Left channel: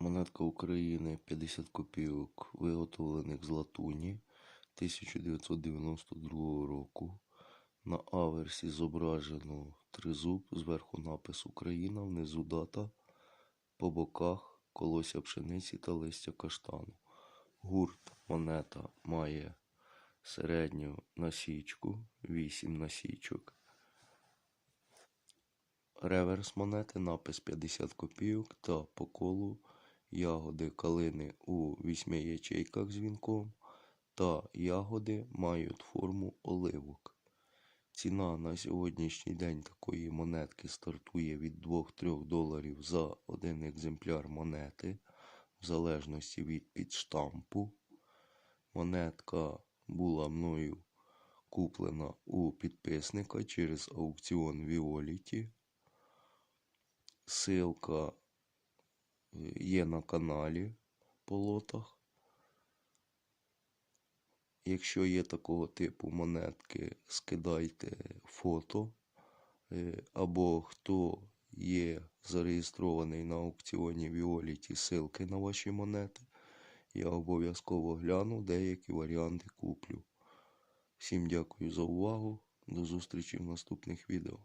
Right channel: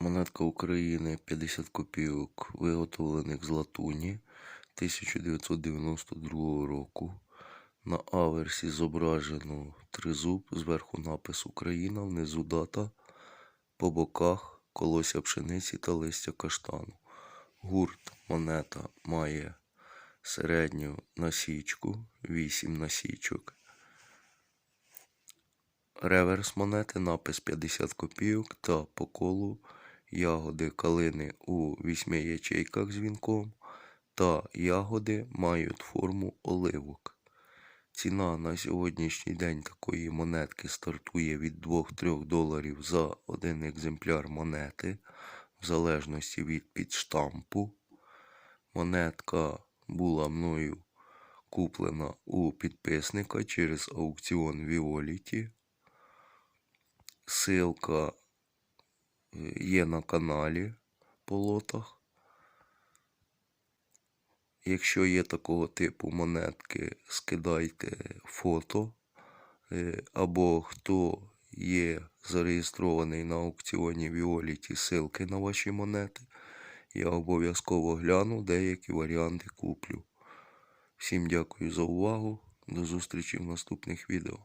Монетка України 50 копійок, виготовлених з латуні 1992 року. На аверсі зображено тризуб, зверху напис Україна, внизу дата, по боках колося пшениці та листя каштану. Гурт монета має середню насічку, 8 насічок. Реверс монети, напис 50 копійок та по колу ягоди калини у вісьми ячейках з вінком та ягоди мають форму оливок. Ціна на сьогоднішній день такої монетки стартує від 2-3 доларів за один екземпляр монети, в залежності від підштампу. Монетка була мною куплена у підписника через аукціон Віоліті. Силка є на каналі по лотах. Якщо є такого типу монетки, скидайте фото. Е, Або хто є зареєстрований на аукціоні Віоліті, ссылки на ваші монети. Я обов'язково гляну, деякі варіанти куплю. Всім дякую за увагу. До зустрічі в наступних відео.